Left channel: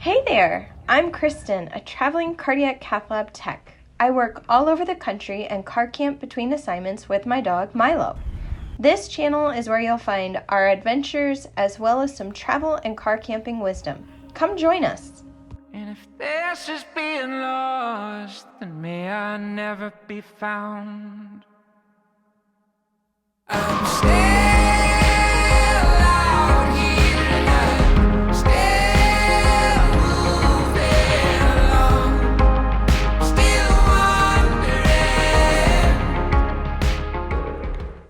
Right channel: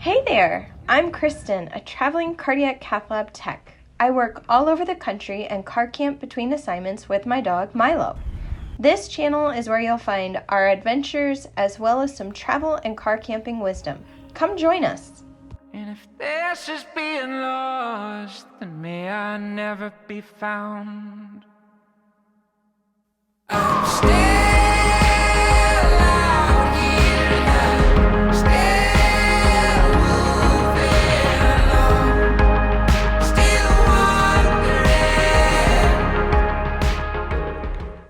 Hey there! I'm Kristen, a traveling cardiac cath lab tech. I work all over the country and car camp between assignments with my dog, Milo. This channel is where you'll find our adventures as well as some travel and car camping wisdom. Come join us! And if this is being lost, then may I never be found. I'm still out here now, still moving along, still wondering.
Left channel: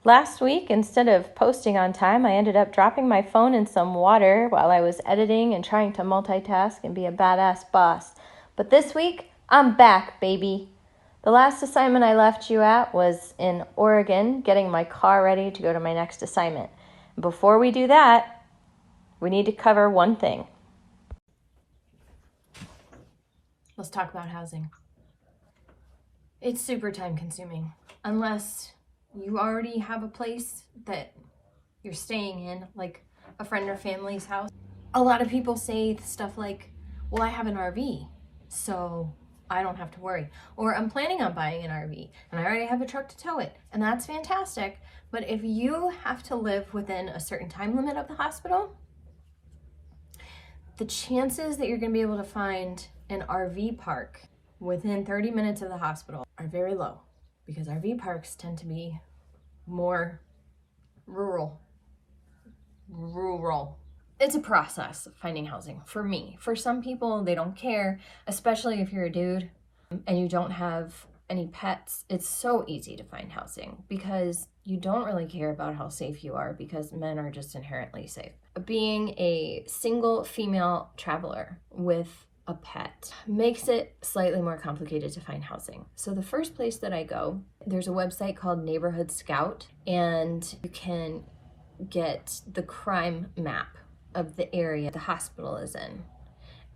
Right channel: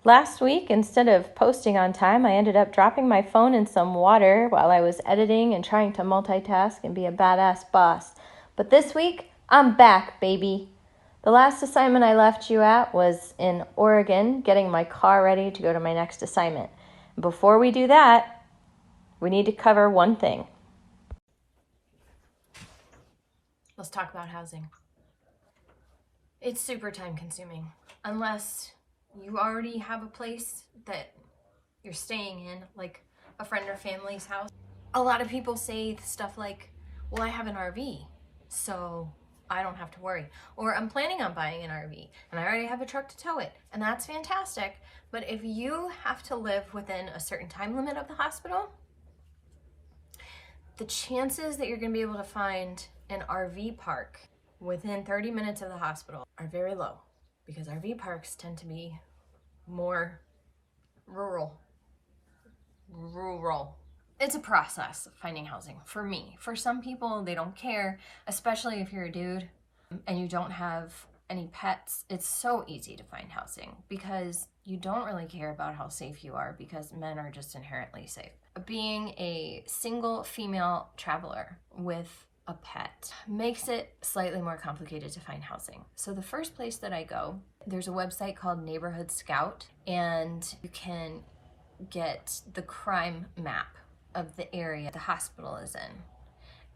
Last week, instead of posting on time, I ended up dropping my phone in some water while I was editing and trying to multitask and be a badass boss. But this week, I'm back, baby. The last assignment I left you at was in Oregon, getting my car ready to go to my next assignment. Before we do that, we need to cover one thing. Let's talk about housing. It's super time consuming unless you already have a place that you're staying in, like a friend or family's house. A lot of people say stuff like, well, I have an RV, so I don't have to worry. Or I'm planning on buying an RV and I already have a truck to tow it. And that's fantastic. But if you have to live within a certain time limit of the hospital, the chances that you're going to be able to find an RV park within 30 minutes of the hospital are very low, because RV parks tend to be more rural. It's a process finding housing for me. For some people, they don't care, especially if you're a dude and you don't have any pets. It's so easy to find housing because you don't really care about how safe you are, because men are just inherently safe. Being a single female traveler with a pet makes it slightly more complicated to find housing. So the first place that I go, there's a website called Neighborhood Scout, and you can get the crime map of the area the hospital is in.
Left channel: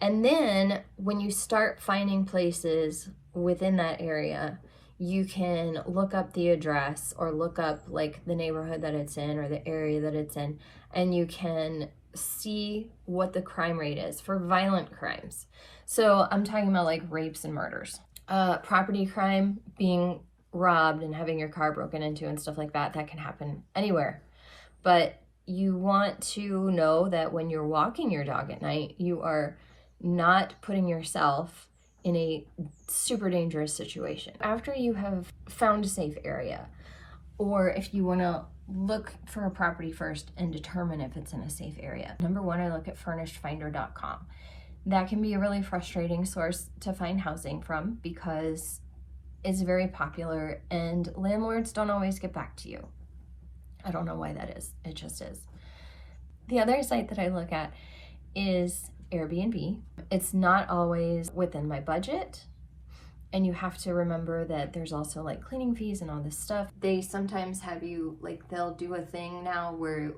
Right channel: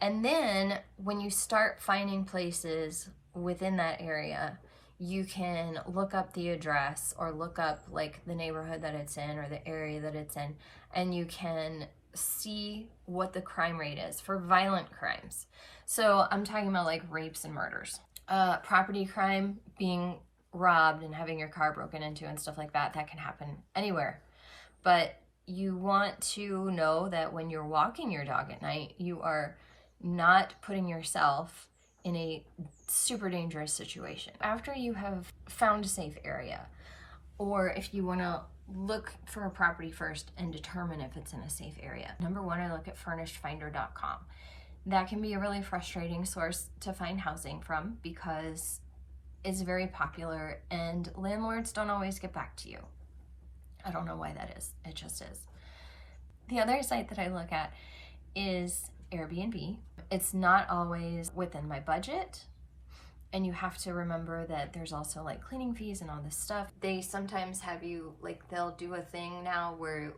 And then when you start finding places within that area, you can look up the address or look up like the neighborhood that it's in or the area that it's in, and you can see what the crime rate is for violent crimes. So I'm talking about like rapes and murders. Property crime, being robbed and having your car broken into and stuff like that, that can happen anywhere. But you want to know that when you're walking your dog at night, you are not putting yourself in a super dangerous situation. After you have found a safe area, or if you want to look for a property first and determine if it's in a safe area. Number one, I look at furnishedfinder.com. That can be a really frustrating source to find housing from because it's very popular and landlords don't always get back to you. I don't know why that is. It just is. The other site that I look at is Airbnb. It's not always within my budget. And you have to remember that there's also like cleaning fees and all this stuff. They sometimes have you, like they'll do a thing now where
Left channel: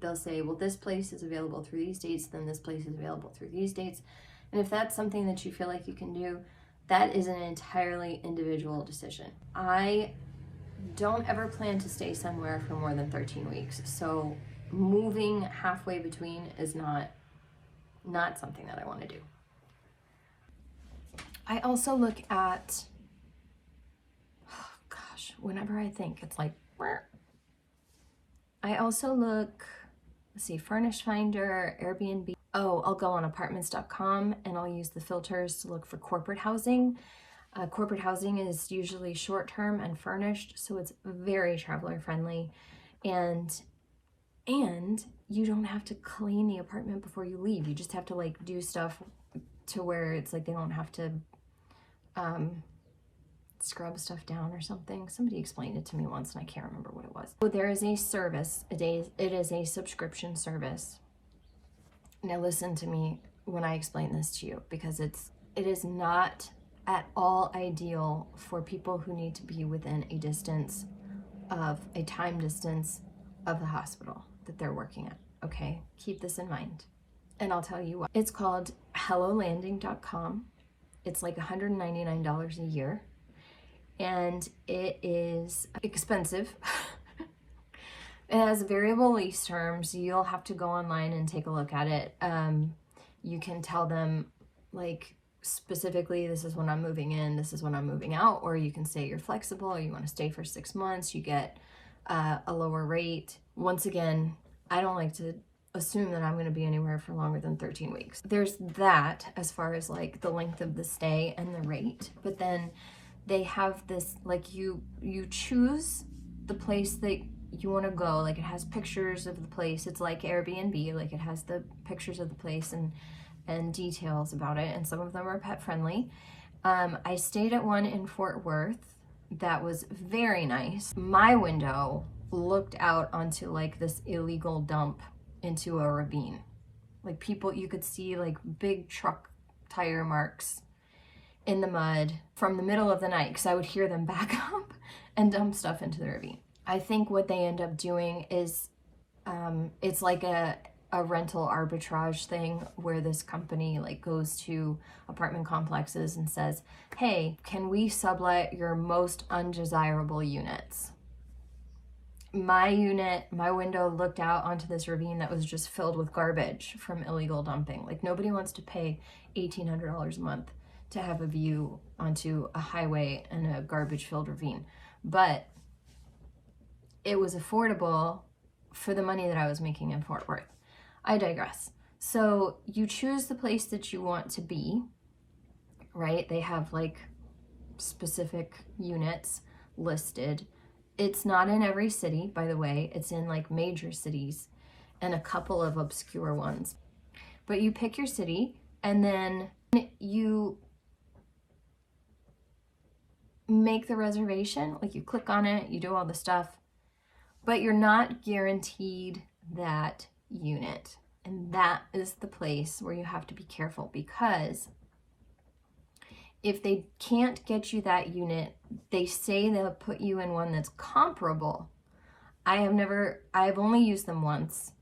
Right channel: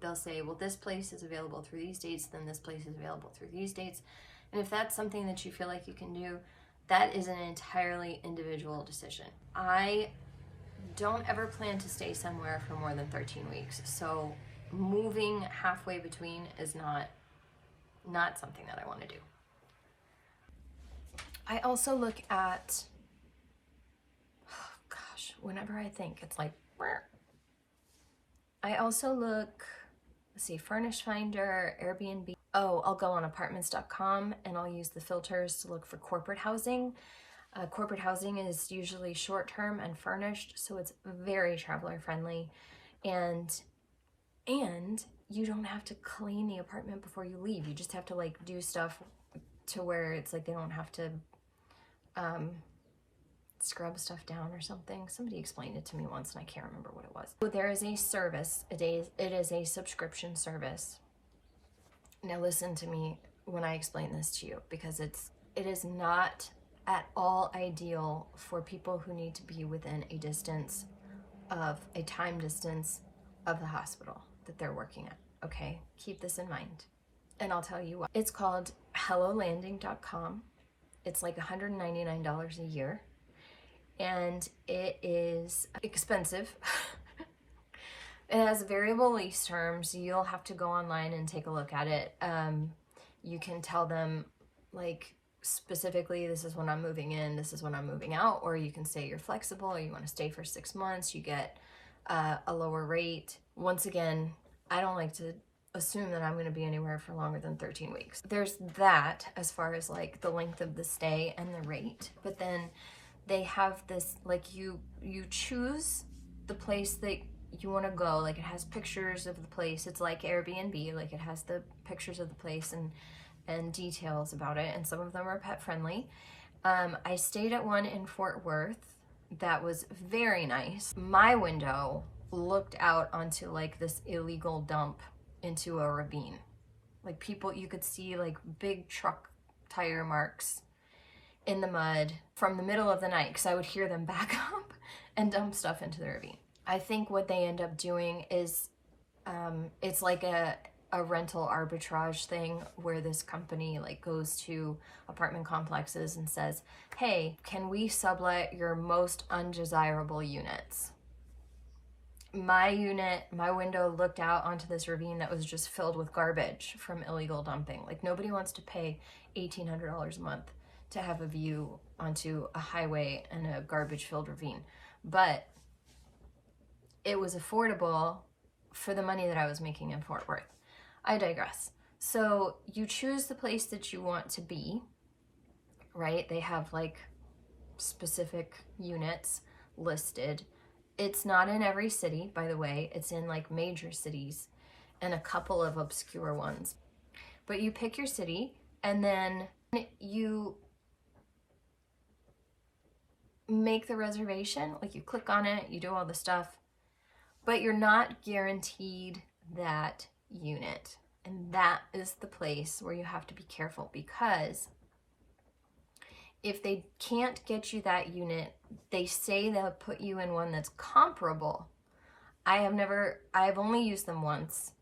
they'll say, well, this place is available through these dates, then this place is available through these dates. And if that's something that you feel like you can do, that is an entirely individual decision. I don't ever plan to stay somewhere for more than 13 weeks. So moving halfway between is not something that I want to do. I also look at, whenever I think, it's like, I also look, Furnished Finder, Airbnb. I'll go on apartments.com and I'll use the filters to look for corporate housing. Corporate housing is usually short-term and furnished, so it's very traveler friendly, and you don't have to clean the apartment before you leave. You just have to like do stuff to where it's like they don't have to scrub stuff down or something. Somebody explained it to me once and I can't remember what it was. So there is a service, it is a subscription service. Now listen to me when I explain this to you, because it is not at all ideal for people who need to be within a time distance of the hospital that they're working at, okay? Keep this in mind. And I'll tell you what. It's called hellolanding.com. It's like $199 a year. And it is expensive. It has variable lease terms. You'll have to go online and take a look at it. You can tell them, like, specifically, this is when I'm moving in, this is when I'm moving out, or you can say you're flexible, or you want to stay for 6 months, you get a lower rate. Once again, I don't like to assume that I'm going to be anywhere for longer than 13 weeks. There's that as far as like the length of the stay and the rate, but then they have this, like, you choose the place that you want to go. Like, it has pictures of the place. It's like Airbnb, like it has the pictures of the place and details about it, and some of them are pet friendly. I stayed at one in Fort Worth that was very nice. My window looked out onto like this illegal dump into a ravine. Like, people, you could see like big truck tire marks in the mud from the middle of the night, because I would hear them back up and dump stuff into the ravine. I think what they end up doing is it's like a rental arbitrage thing where this company like goes to apartment complexes and says, hey, can we sublet your most undesirable units? My unit, my window looked out onto this ravine that was just filled with garbage from illegal dumping. Like, nobody wants to pay $1,800 a month to have a view onto a highway and a garbage-filled ravine. But it was affordable for the money that I was making in Fort Worth. I digress. So you choose the place that you want to be, right? They have like specific units listed. It's not in every city, by the way. It's in like major cities and a couple of obscure ones. But you pick your city and then you make the reservation. Like, you click on it, you do all the stuff, but you're not guaranteed that unit. And that is the place where you have to be careful, because if they can't get you that unit, they say they'll put you in one that's comparable. I've only used them once.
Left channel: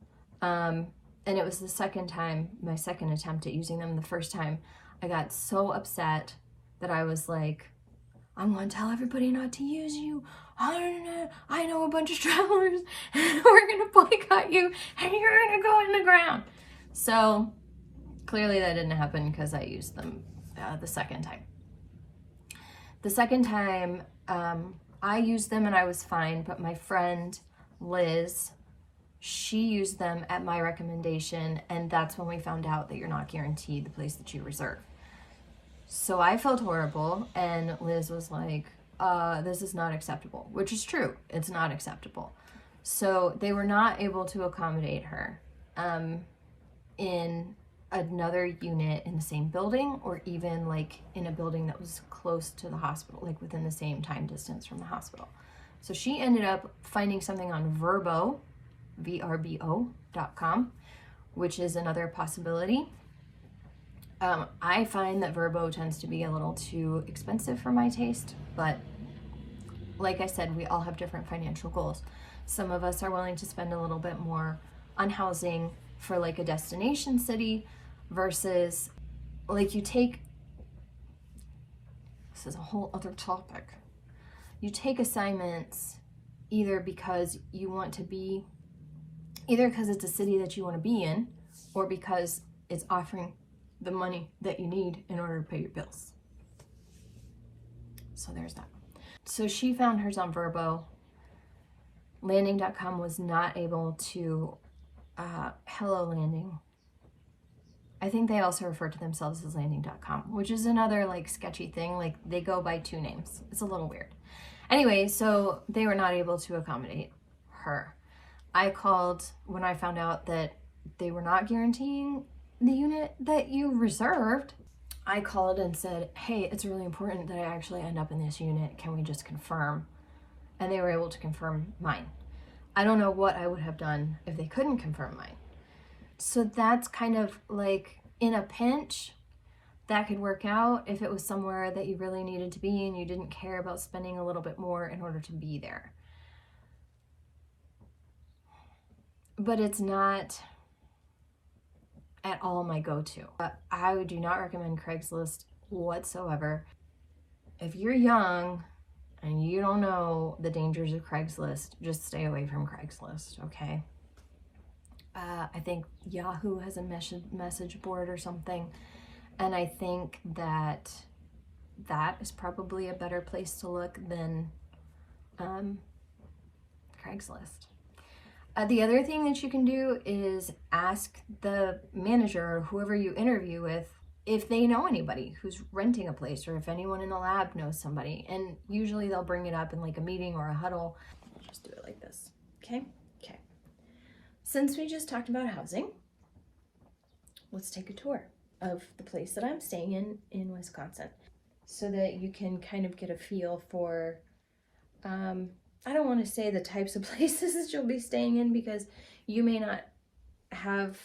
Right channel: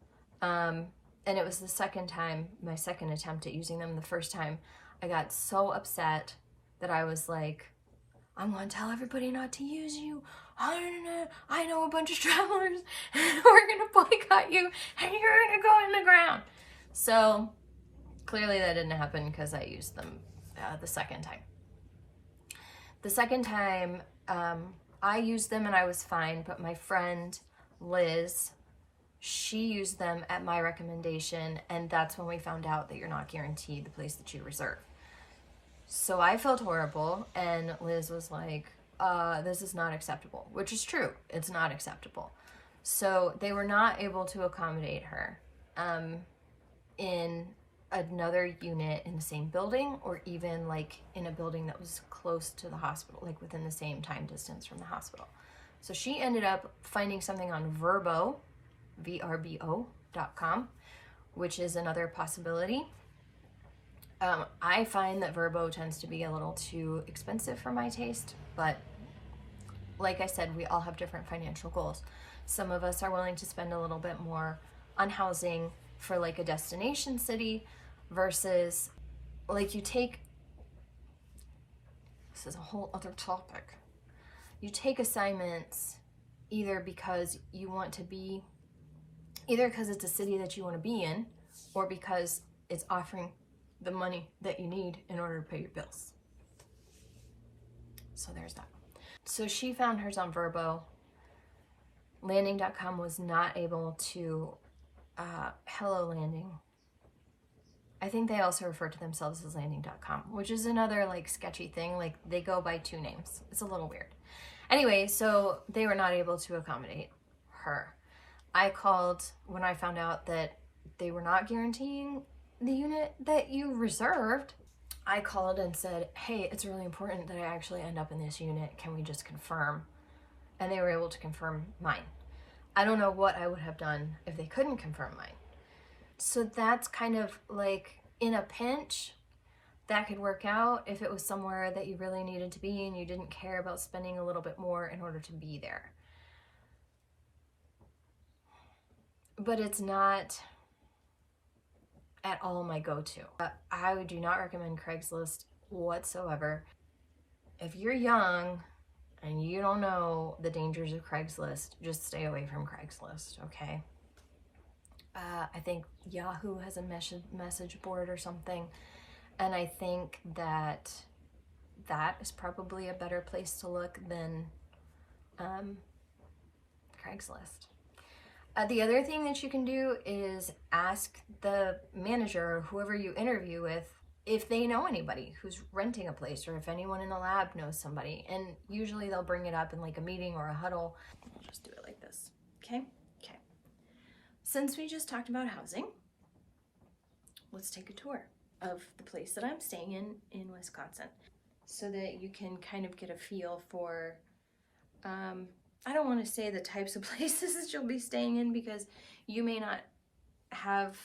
And it was the second time, my second attempt at using them. The first time I got so upset that I was like, I'm going to tell everybody not to use you. I know a bunch of travelers, and we're going to boycott you, and you're going to go in the ground. So clearly that didn't happen, because I used them the second time. The second time, I used them and I was fine, but my friend Liz, she used them at my recommendation, and that's when we found out that you're not guaranteed the place that you reserve. So I felt horrible, and Liz was like, this is not acceptable, which is true. It's not acceptable. So they were not able to accommodate her in another unit in the same building, or even like in a building that was close to the hospital, like within the same time distance from the hospital. So she ended up finding something on Vrbo, VRBO.com, which is another possibility. I find that Vrbo tends to be a little too expensive for my taste, but like I said, we all have different financial goals. Some of us are willing to spend a little bit more on housing for like a destination city versus like this is a whole other topic. You take assignments either because it's a city that you want to be in, or because it's offering the money that you need in order to pay your bills. So there's that. So she found hers on Vrbo. Landing.com was not able to, Hello Landing. I think they also refer to themselves as Landing.com, which is another like sketchy thing. Like, they go by two names. It's a little weird. Anyway, so they were not able to accommodate her. I called when I found out that they were not guaranteeing the unit that you reserved. I called and said, hey, it's really important that I actually end up in this unit. Can we just confirm? And they were able to confirm mine. I don't know what I would have done if they couldn't confirm mine. So that's kind of like, in a pinch, that could work out if it was somewhere that you really needed to be and you didn't care about spending a little bit more in order to be there. But it's not at all my go-to. I do not recommend Craigslist whatsoever. If you're young and you don't know the dangers of Craigslist, just stay away from Craigslist, okay? I think Yahoo has a message board or something. And I think that is probably a better place to look than Craigslist. The other thing that you can do is ask the manager or whoever you interview with if they know anybody who's renting a place, or if anyone in the lab knows somebody. And usually they'll bring it up in like a meeting or a huddle. Just do it like this, okay? Okay. Since we just talked about housing, let's take a tour of the place that I'm staying in Wisconsin, so that you can kind of get a feel for, I don't want to say the types of places that you'll be staying in, because you may not have,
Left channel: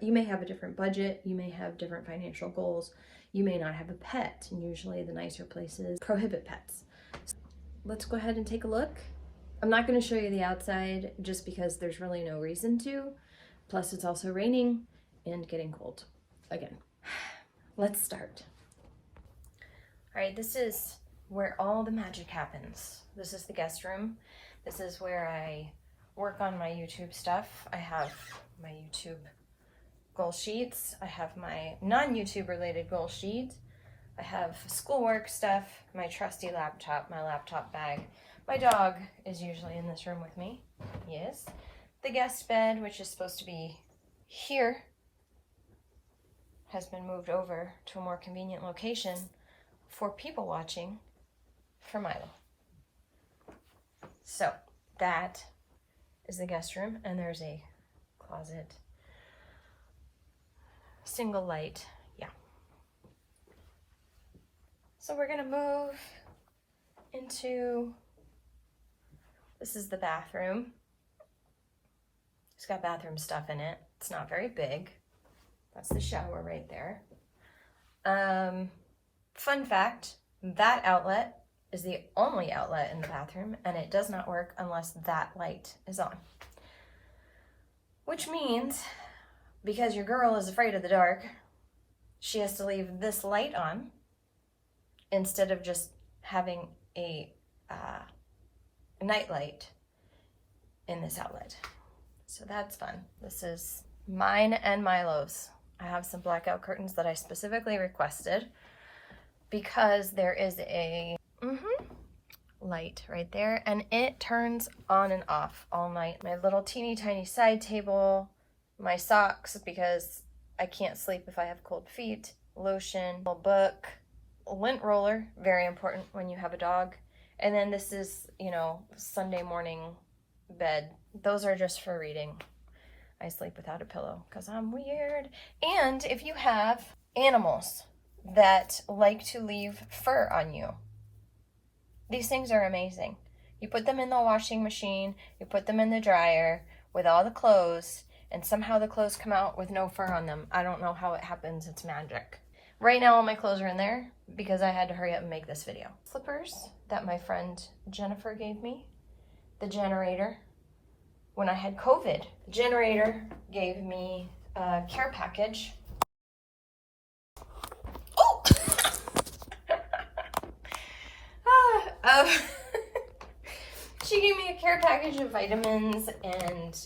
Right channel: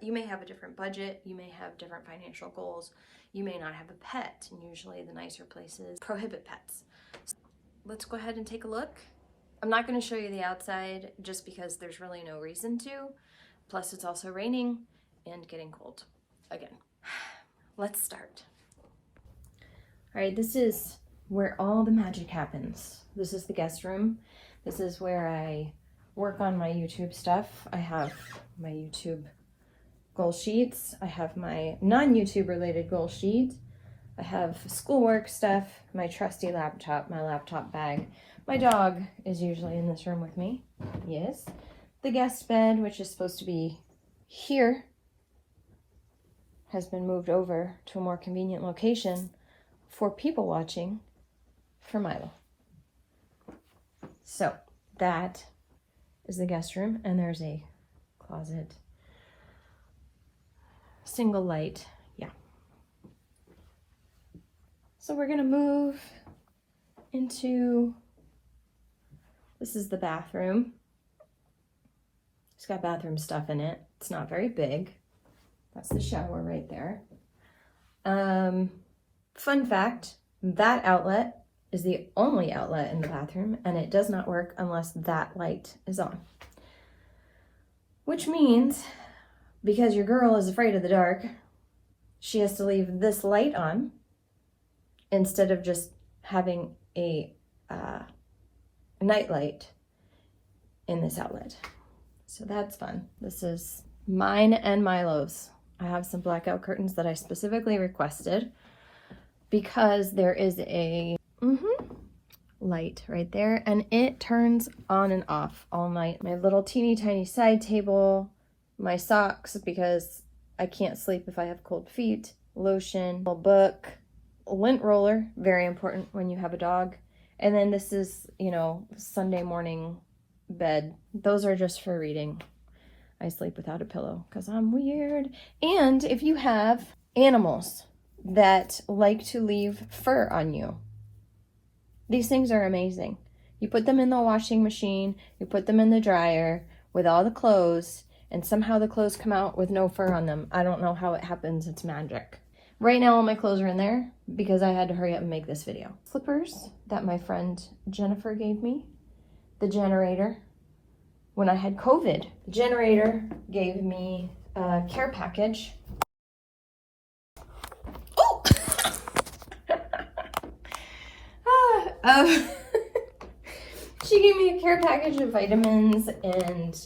you may have a different budget, you may have different financial goals, you may not have a pet, and usually the nicer places prohibit pets. So let's go ahead and take a look. I'm not going to show you the outside just because there's really no reason to. Plus it's also raining and getting cold again. Let's start. All right, this is where all the magic happens. This is the guest room. This is where I work on my YouTube stuff. I have my YouTube goal sheets. I have my non-YouTube related goal sheet. I have schoolwork stuff, my trusty laptop, my laptop bag. My dog is usually in this room with me. Yes. The guest bed, which is supposed to be here, has been moved over to a more convenient location for people watching for Milo. So that is the guest room, and there's a closet, single light, yeah. So we're gonna move into, this is the bathroom. It's got bathroom stuff in it. It's not very big. That's the shower right there. Fun fact, that outlet is the only outlet in the bathroom, and it does not work unless that light is on. Which means, because your girl is afraid of the dark, she has to leave this light on instead of just having a night light in this outlet. So that's fun. This is mine and Milo's. I have some blackout curtains that I specifically requested because there is a light right there, and it turns on and off all night. My little teeny tiny side table, my socks because I can't sleep if I have cold feet, lotion, a book, a lint roller, very important when you have a dog. And then this is, you know, Sunday morning bed. Those are just for reading. I sleep without a pillow because I'm weird. And if you have animals that like to leave fur on you, these things are amazing. You put them in the washing machine, you put them in the dryer with all the clothes, and somehow the clothes come out with no fur on them. I don't know how it happens, it's magic. Right now all my clothes are in there because I had to hurry up and make this video. Slippers that my friend Jennifer gave me. The generator. When I had COVID, the generator gave me a care package. Oh! She gave me a care package of vitamins and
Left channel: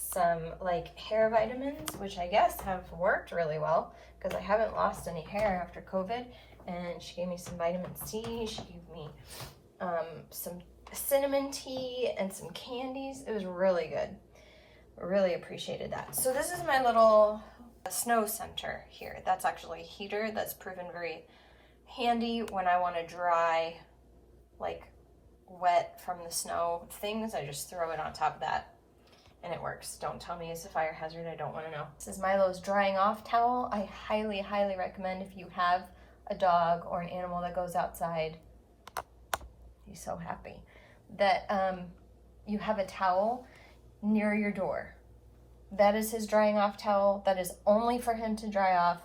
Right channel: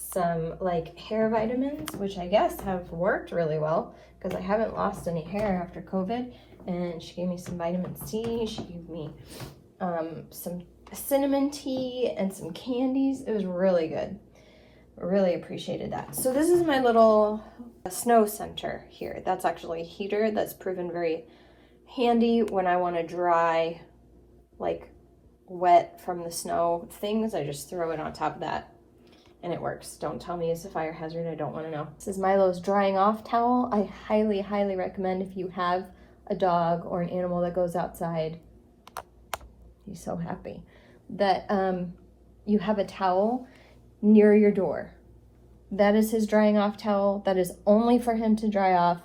some like hair vitamins, which I guess have worked really well because I haven't lost any hair after COVID. And she gave me some vitamin C. She gave me some cinnamon tea and some candies. It was really good. I really appreciated that. So this is my little snow center here. That's actually a heater that's proven very handy when I want to dry like wet from the snow things. I just throw it on top of that and it works. Don't tell me it's a fire hazard. I don't want to know. This is Milo's drying off towel. I highly, highly recommend if you have a dog or an animal that goes outside. He's so happy that you have a towel near your door. That is his drying off towel. That is only for him to dry off.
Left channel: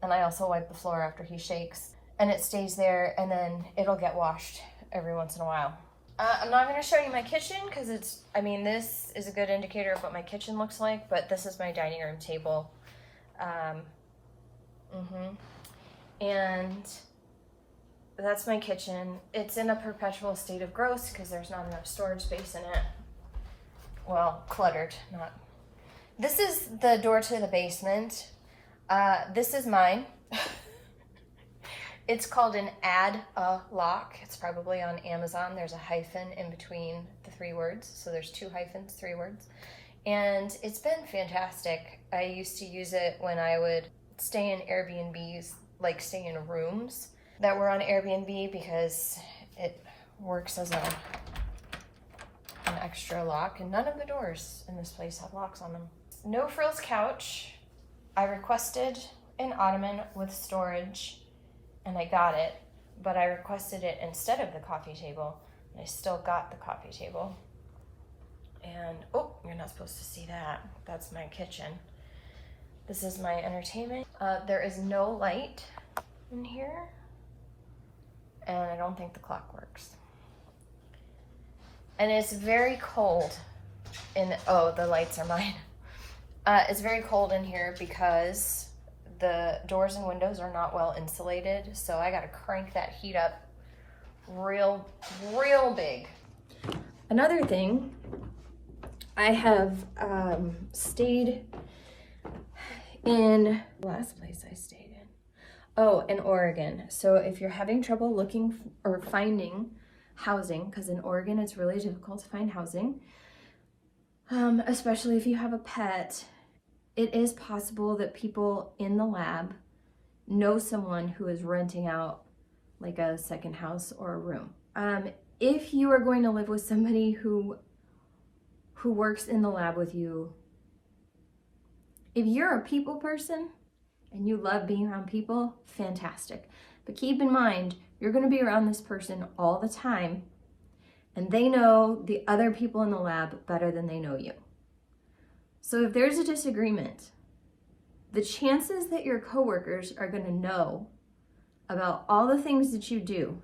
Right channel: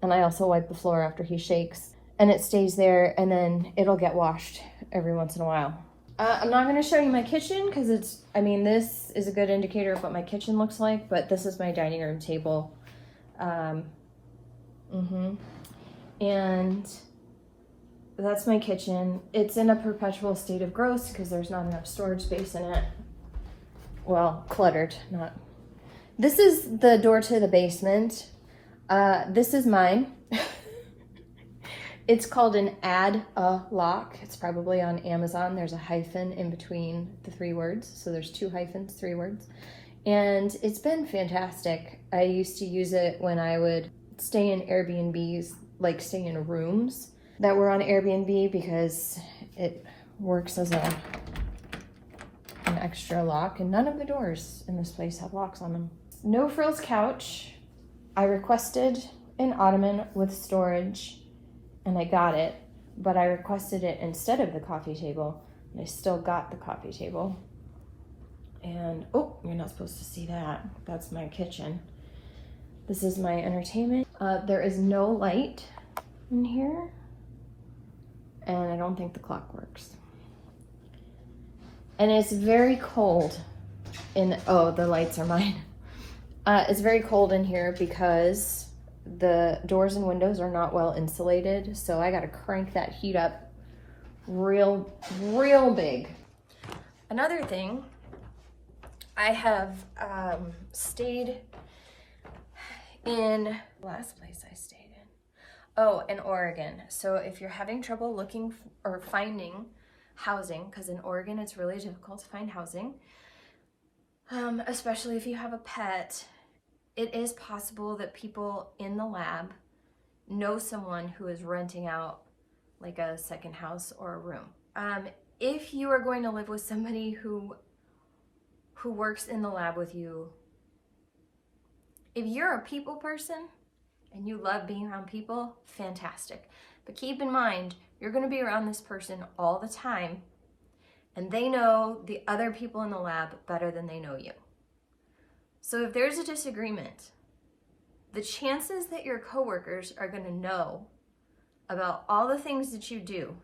And I also wipe the floor after he shakes, and it stays there, and then it'll get washed every once in a while. I'm not going to show you my kitchen because it's, I mean, this is a good indicator of what my kitchen looks like, but this is my dining room table. And that's my kitchen. It's in a perpetual state of growth because there's not enough storage space in it. Well, cluttered, not This is the door to the basement. This is mine. It's called an add-a-lock. It's probably on Amazon. There's a hyphen in between the 3 words. So there's 2 hyphens, 3 words. And it's been fantastic. I used to use it when I would stay in Airbnbs, like stay in rooms that were on Airbnb, because it works as an extra lock, and none of the doors in this place have locks on them. No frills couch. I requested an ottoman with storage, and I got it, but I requested it instead of the coffee table, and I still got the coffee table. And, oh, you're not supposed to see that. That's my kitchen. This is my entertainment. There is no light in here, and I don't think the clock works. And it's very cold oh, the lights are mine. It's very cold in here because the doors and windows are not well insulated, so I gotta crank that heat up real big. Another thing, I have stayed in, last place I stayed in, oh, in Oregon. So if you're having trouble looking or finding housing, because in Oregon it's really difficult to find housing, especially if you have a pet, it is possible that people in the lab know someone who is renting out like a second house or a room. If you are going to live with somebody who works in the lab with you, if you're a people person and you love being around people, fantastic. But keep in mind, you're going to be around this person all the time, and they know the other people in the lab better than they know you. So if there's a disagreement, the chances that your coworkers are going to know about all the things that you do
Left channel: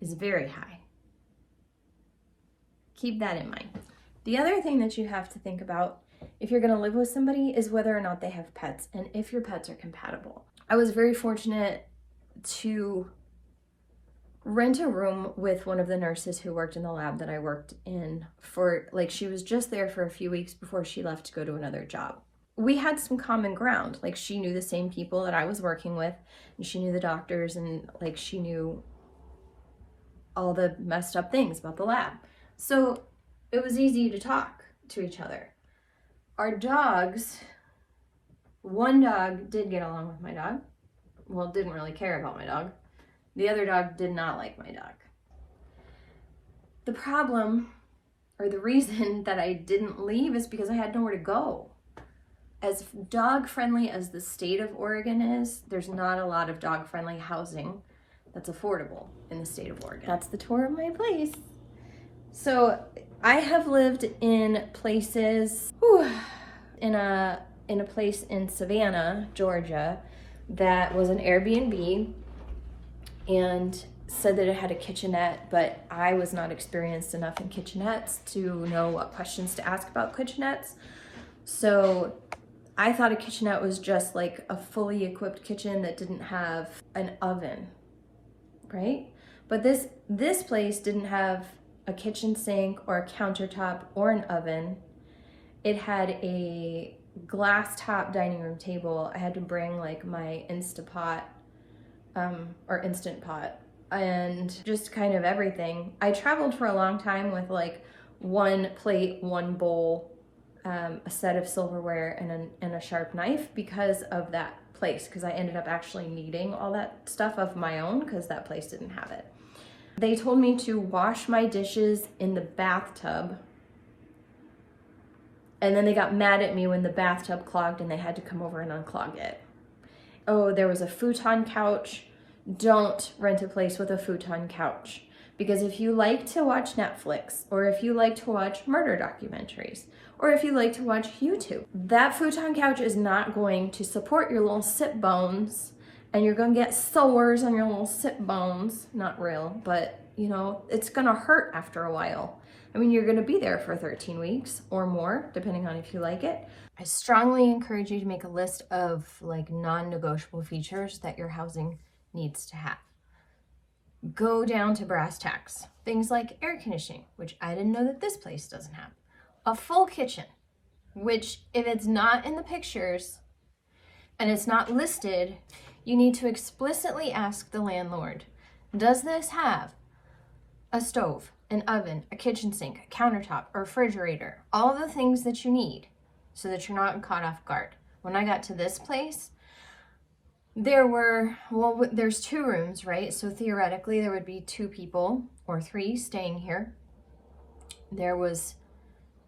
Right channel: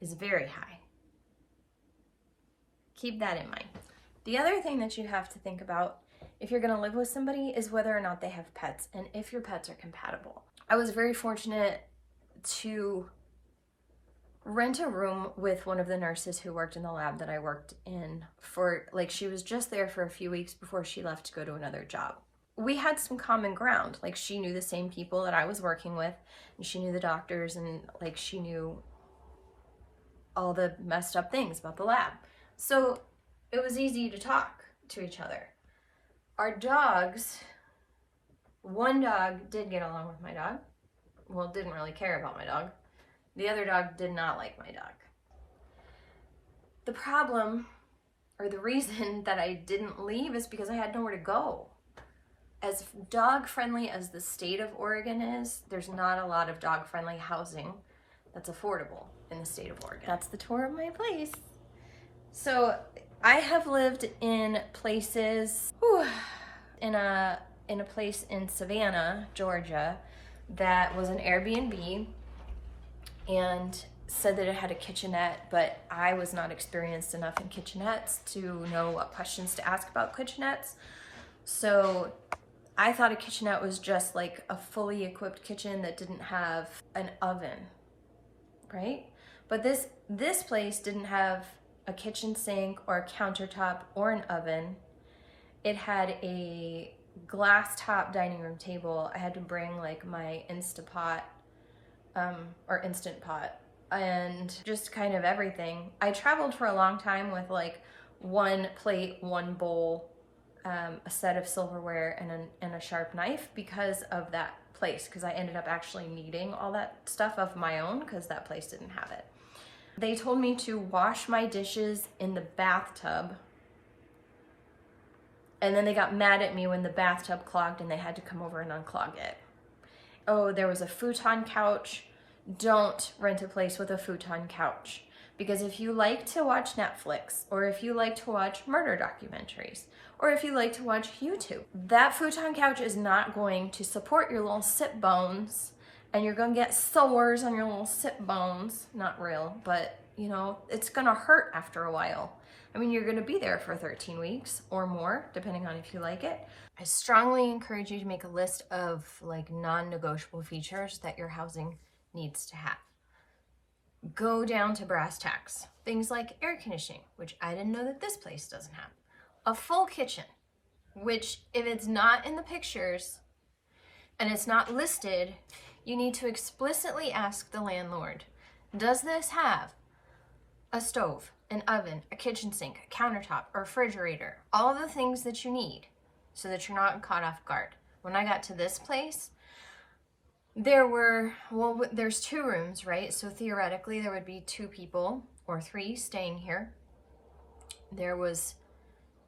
is very high. Keep that in mind. The other thing that you have to think about if you're going to live with somebody is whether or not they have pets, and if your pets are compatible. I was very fortunate to rent a room with one of the nurses who worked in the lab that I worked in for, like, she was just there for a few weeks before she left to go to another job. We had some common ground. Like, she knew the same people that I was working with, and she knew the doctors, and like she knew all the messed up things about the lab. So it was easy to talk to each other. Our dogs, one dog did get along with my dog. Well, didn't really care about my dog. The other dog did not like my dog. The problem, or the reason that I didn't leave, is because I had nowhere to go. As dog-friendly as the state of Oregon is, there's not a lot of dog-friendly housing that's affordable in the state of Oregon. That's the tour of my place. So I have lived in places, in a place in Savannah, Georgia, that was an Airbnb and said that it had a kitchenette, but I was not experienced enough in kitchenettes to know what questions to ask about kitchenettes. So I thought a kitchenette was just like a fully equipped kitchen that didn't have an oven, right? But this place didn't have a kitchen sink or a countertop or an oven. It had a glass top dining room table. I had to bring like my Instapot or Instant Pot and just kind of everything. I traveled for a long time with like one plate, one bowl, a set of silverware, and a sharp knife because of that place, because I ended up actually needing all that stuff of my own because that place didn't have it. They told me to wash my dishes in the bathtub, and then they got mad at me when the bathtub clogged and they had to come over and unclog it. Oh, there was a futon couch. Don't rent a place with a futon couch, because if you like to watch Netflix, or if you like to watch murder documentaries, or if you like to watch YouTube, that futon couch is not going to support your little sit bones, and you're gonna get sores on your little sit bones. Not real, but you know, it's gonna hurt after a while. I mean, you're gonna be there for 13 weeks or more, depending on if you like it. I strongly encourage you to make a list of like non-negotiable features that your housing needs to have. Go down to brass tacks. Things like air conditioning, which I didn't know that this place doesn't have. A full kitchen. which if it's not in the pictures and it's not listed, you need to explicitly ask the landlord, does this have a stove, an oven, a kitchen sink, a countertop, a refrigerator, all of the things that you need so that you're not caught off guard. When I got to this place, there's 2 rooms, right? So theoretically there would be 2 people or 3 staying here. There was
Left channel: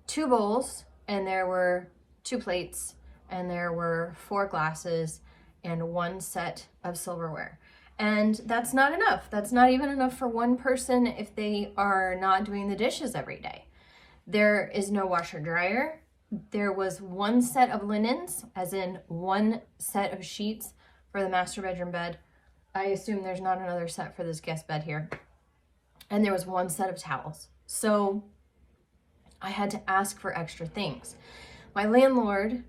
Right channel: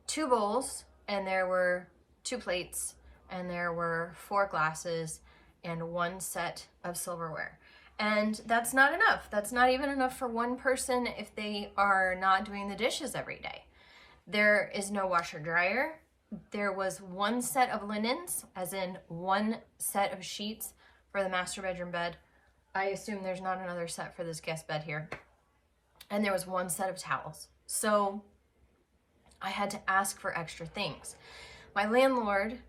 2 bowls and there were 2 plates and there were 4 glasses and 1 set of silverware. And that's not enough. That's not even enough for one person if they are not doing the dishes every day. There is no washer dryer. There was 1 set of linens, as in 1 set of sheets for the master bedroom bed. I assume there's not another set for this guest bed here. And there was 1 set of towels. So I had to ask for extra things. My landlord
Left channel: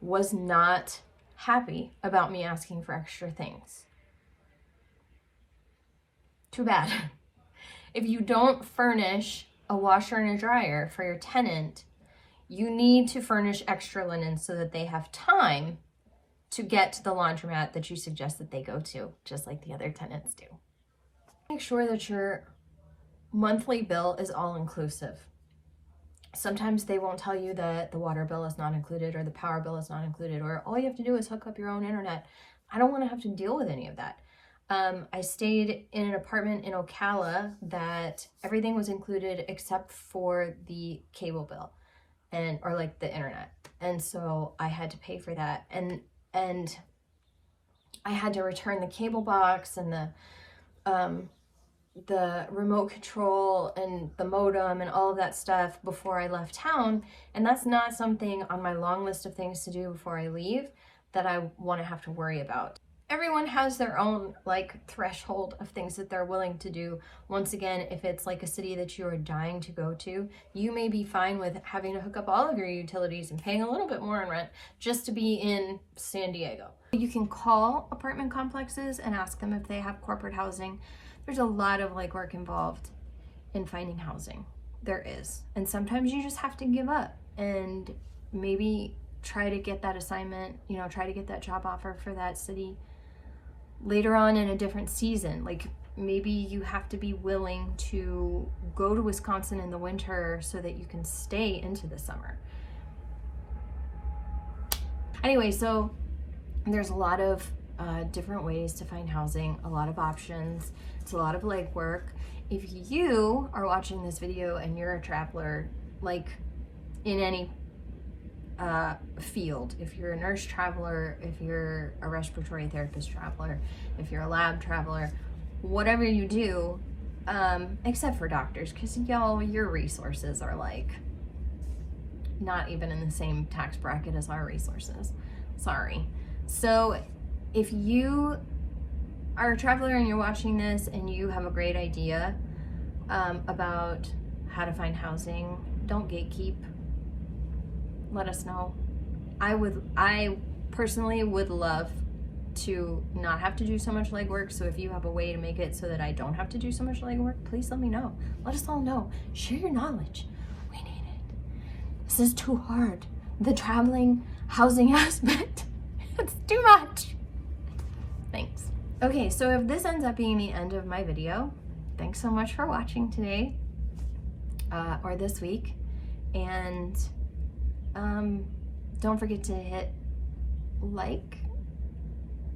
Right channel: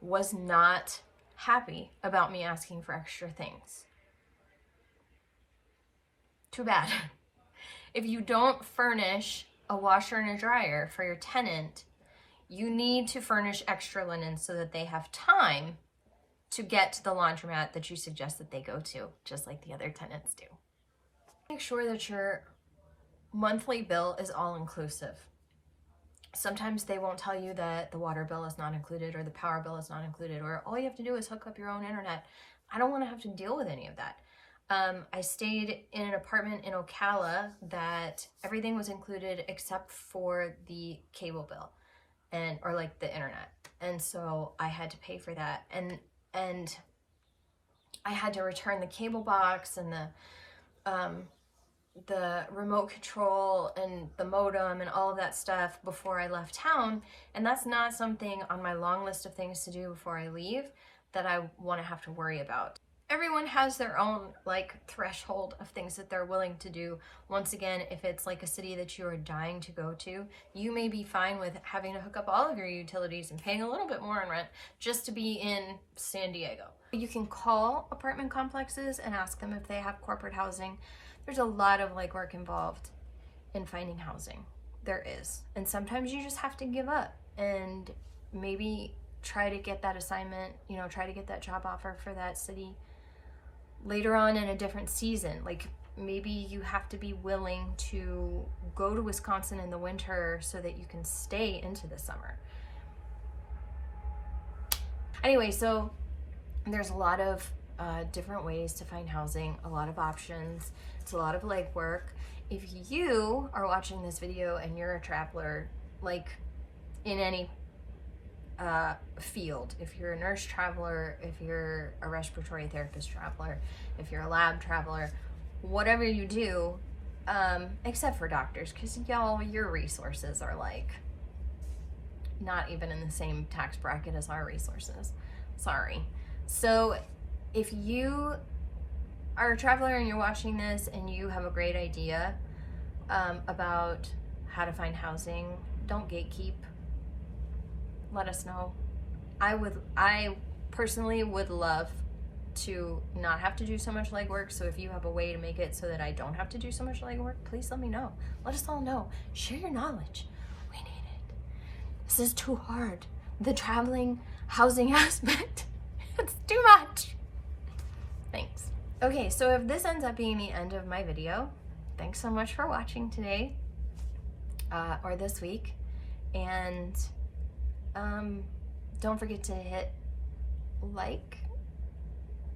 was not happy about me asking for extra things. Too bad. If you don't furnish a washer and a dryer for your tenant, you need to furnish extra linen so that they have time to get to the laundromat that you suggest that they go to, just like the other tenants do. Make sure that your monthly bill is all inclusive. Sometimes they won't tell you that the water bill is not included or the power bill is not included, or all you have to do is hook up your own internet. I don't want to have to deal with any of that. I stayed in an apartment in Ocala that everything was included except for the cable bill or like the internet. And so I had to pay for that. And I had to return the cable box and the remote control and the modem and all of that stuff before I left town. And that's not something on my long list of things to do before I leave that I want to have to worry about. Everyone has their own like threshold of things that they're willing to do. Once again, if it's like a city that you are dying to go to, you may be fine with having to hook up all of your utilities and paying a little bit more in rent just to be in San Diego. You can call apartment complexes and ask them if they have corporate housing. There's a lot of legwork involved in finding housing. There is. And sometimes you just have to give up and maybe try to get that assignment, try to get that job offer for that city later on in a different season. Like maybe you have to be willing to go to Wisconsin in the winter so that you can stay into the summer. Anyway, so there's a lot of different ways to find housing, a lot of options. It's a lot of legwork. If you are watching this video and you're a traveler, like in any field, if you're a nurse traveler, if you're a respiratory therapist traveler, if you're a lab traveler, whatever you do, except for doctors, because y'all, your resources are like not even in the same tax bracket as our resources. Sorry. So if you are a traveler and you're watching this and you have a great idea about how to find housing, don't gatekeep. Let us know. I personally would love to not have to do so much legwork. So if you have a way to make it so that I don't have to do so much legwork, please let me know. Let us all know. Share your knowledge. We need it. This is too hard. The traveling housing aspect, it's too much. Thanks. Okay, so if this ends up being the end of my video, thanks so much for watching today or this week. And don't forget to hit like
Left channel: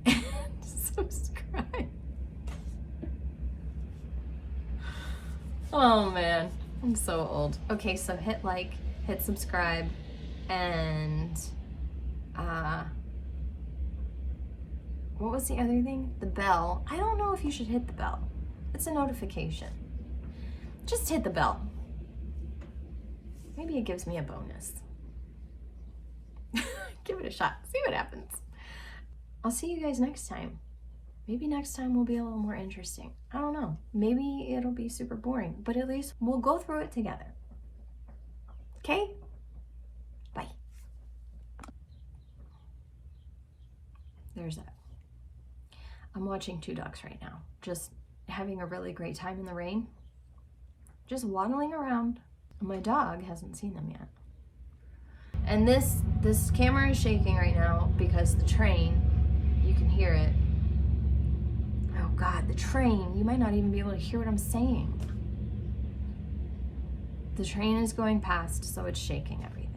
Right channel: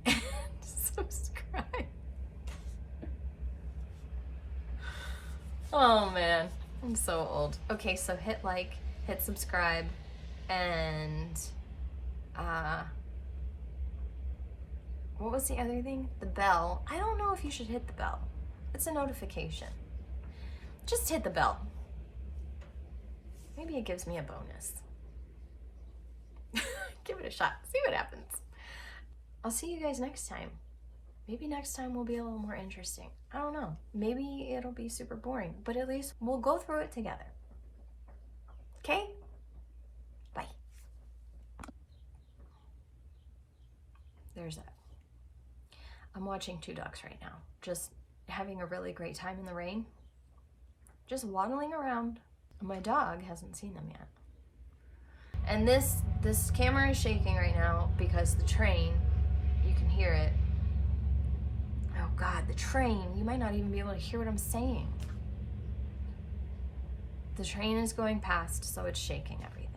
and subscribe. Oh man, I'm so old. Okay, so hit like, hit subscribe, and what was the other thing? The bell. I don't know if you should hit the bell. It's a notification. Just hit the bell. Maybe it gives me a bonus. Give it a shot. See what happens. I'll see you guys next time. Maybe next time will be a little more interesting. I don't know. Maybe it'll be super boring, but at least we'll go through it together. Okay? Bye. There's that. I'm watching 2 ducks right now. Just having a really great time in the rain. Just waddling around. My dog hasn't seen them yet. And And this camera is shaking right now because the train, you can hear it. Oh God, the train, you might not even be able to hear what I'm saying. The train is going past, so it's shaking everything.